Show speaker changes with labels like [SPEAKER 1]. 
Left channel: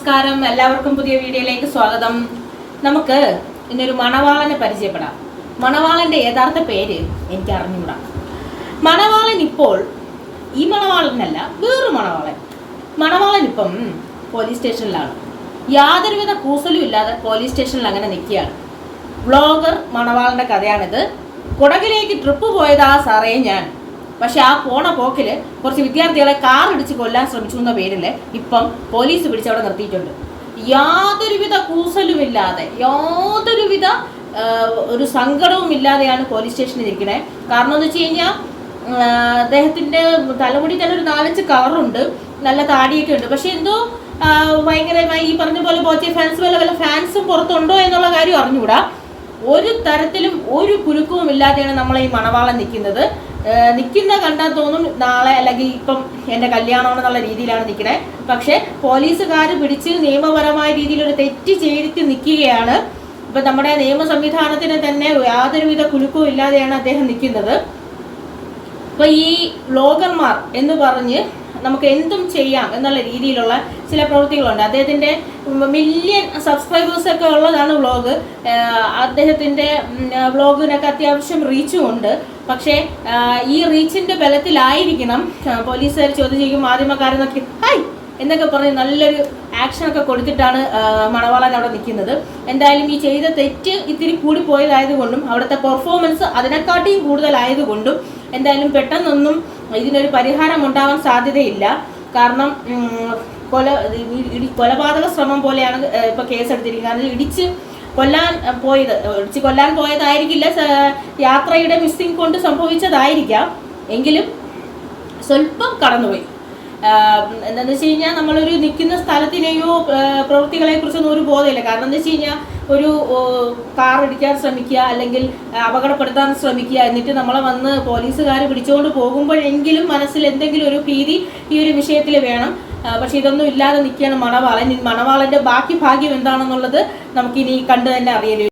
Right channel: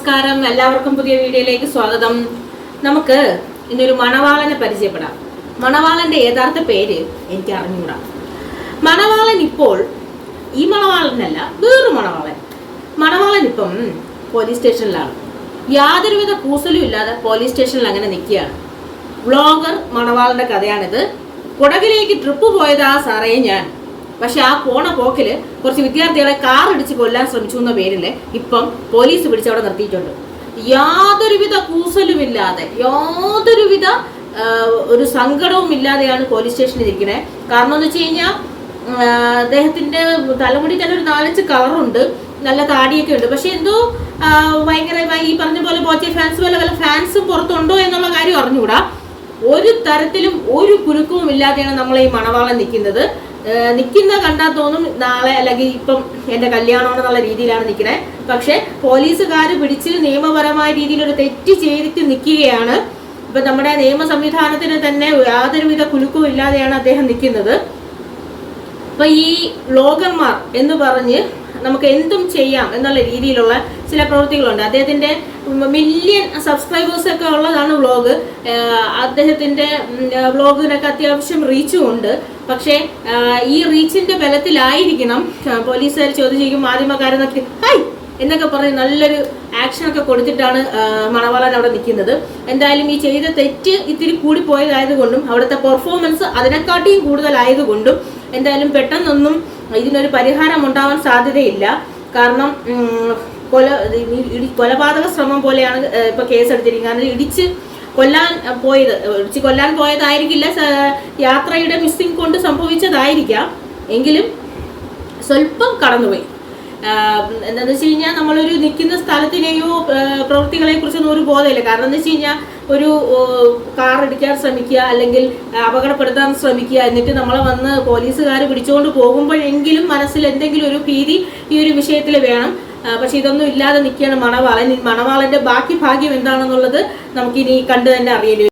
[SPEAKER 1] നമസ്കാരം. എല്ലാവർക്കും പുതിയ വീഡിയോയിലേക്ക് സ്വാഗതം. നമുക്ക് ഇന്നൊരു മണവാളനെ പരിചയപ്പെടാം. മണവാളന്റെ യഥാർത്ഥ പേര് എനിക്ക് അറിഞ്ഞുകൂടാ. മണവാളൻ ഇപ്പോൾ ഈ മണവാളനല്ല വേറൊരു മണവാളൻ. മണവാളൻ ഇപ്പം പോലീസ് സ്റ്റേഷനിലാണ് യാതൊരുവിധ കൂസലും ഇല്ലാതെ പോലീസ് സ്റ്റേഷനിൽ അങ്ങനെ നിൽക്കുകയാണ്. വ്ളോഗർ മണവാളന്റെ കഥയാണിത്. കുടകിലേക്ക് ട്രിപ്പ് പോയതാ സാറേ ഞാൻ. പക്ഷെ ആ പോണ പോക്കിൽ കുറച്ച് വിദ്യാർത്ഥികളെ കാർ ഇടിച്ച് കൊല്ലാൻ ശ്രമിച്ചു എന്ന പേരിൽ ഇപ്പം പോലീസ് പിടിച്ച് അവിടെ നിർത്തിയിട്ടുണ്ട്. യാതൊരുവിധ കൂസലുമില്ലാതെ യാതൊരുവിധ ഒരു സങ്കടവും ഇല്ലാതെയാണ് പോലീസ് സ്റ്റേഷനിൽ ഇരിക്കണേ. കാരണം എന്ന് വെച്ച് കഴിഞ്ഞാൽ അദ്ദേഹത്തിന്റെ തലമുടി തന്നെ ഒരു നാലഞ്ച് കളറുണ്ട് നല്ല താടിയൊക്കെ ഉണ്ട്. പക്ഷെ എന്തോ ഭയങ്കരമായി ഈ പറഞ്ഞ പോലെ പോച്ച ഫാൻസ് പോലെ വല്ല ഫാൻസും പുറത്തുണ്ടോ എന്നുള്ള കാര്യം അറിഞ്ഞുകൂടാ. ഒരു തരത്തിലും ഒരു കുലുക്കവും ഇല്ലാതെയാണ് നമ്മൾ ഈ മണവാളം നിൽക്കുന്നത്. നിൽക്കുന്ന കണ്ടാൽ തോന്നും നാളെ അല്ലെങ്കിൽ ഇപ്പം എന്റെ കല്യാണമെന്നുള്ള രീതിയിലാണ് നിൽക്കണേ. പക്ഷെ പോലീസുകാർ പിടിച്ച് നിയമപരമായ രീതിയിൽ ഒരു തെറ്റ് ചെയ്തിട്ട് നിൽക്കുകയാണ്. ഇപ്പം നമ്മുടെ നിയമ സംവിധാനത്തിന് തന്നെ യാതൊരുവിധ കുലുക്കവും ഇല്ലാതെയാണ് അദ്ദേഹം നിൽക്കുന്നത്. അപ്പൊ ഈ ലോകന്മാർ എന്ന് പറഞ്ഞ് നമുക്ക് എന്തും ചെയ്യാം എന്നുള്ള രീതിയിലുള്ള ചില പ്രവൃത്തികളുണ്ട്. അദ്ദേഹത്തിന്റെ മില്യൺ സബ്സ്ക്രൈബേഴ്സ് ഒക്കെ ഉള്ളതാണ് വ്ളോഗ്. അദ്ദേഹത്തിന്റെ വ്ളോഗിനൊക്കെ അത്യാവശ്യം റീച്ചും ഉണ്ട്. പക്ഷേ ഈ റീച്ചിന്റെ ബലത്തിലായിരിക്കണം പോലീസുകാർ ചോദിച്ചിരിക്കും മാധ്യമക്കാരെന്നൊക്കെ ഹൈ! എന്നൊക്കെ പറഞ്ഞ് നല്ലൊരു ആക്ഷൻ ഒക്കെ കൊടുത്തിട്ടാണ് മണവാളൻ അവിടെ നിൽക്കുന്നത്. എന്തായാലും ഈ ചെയ്ത തെറ്റ് ഇത്തിരി കൂടി പോയതായതുകൊണ്ടും അവിടുത്തെ പെർഫോമൻസ് അതിനെക്കാട്ടിയും കൂടുതലായതുകൊണ്ടും എന്തായാലും പെട്ടെന്നൊന്നും ഇതിനൊരു പരിഹാരം ഉണ്ടാവാൻ സാധ്യതയില്ല. കാരണം കൊല കൊലപാതക ശ്രമം പോലെയാണ് ഇപ്പൊ കേസെടുത്തിരിക്കുന്നത്. കാരണം ഇടിച്ച് കൊല്ലാൻ പോയത് ഇടിച്ച് കൊല്ലാൻ പോയതായിരിക്കില്ല യാത്രയുടെ മിസ്സിംഗ് കൊണ്ട് സംഭവിച്ചതായിരിക്കാം. എങ്കിലും സ്വല്പം കടന്നുപോയി. എന്താണെന്ന് വെച്ച് കഴിഞ്ഞാൽ നമ്മളൊരു നിൽക്കുന്ന സ്ഥലത്തിനെയോ പ്രവൃത്തികളെ കുറിച്ചൊന്നും ഒരു ബോധമില്ല. കാരണം എന്താ വെച്ച് കഴിഞ്ഞാൽ ഒരു കാർ ഇടിക്കാൻ ശ്രമിക്കുക അല്ലെങ്കിൽ അപകടപ്പെടുത്താൻ ശ്രമിക്കുക എന്നിട്ട് നമ്മളെ വന്ന് പോലീസുകാർ പിടിച്ചുകൊണ്ട് പോകുമ്പോഴെങ്കിലും മനസ്സിൽ എന്തെങ്കിലും ഒരു ഭീതി ഈ ഒരു വിഷയത്തിൽ വേണം. പക്ഷെ ഇതൊന്നും ഇല്ലാതെ നിൽക്കുകയാണ് മണവാളൻ. മണവാളന്റെ ബാക്കി ഭാഗ്യം എന്താണെന്നുള്ളത് നമുക്കിനി കണ്ടു തന്നെ അറിയലേ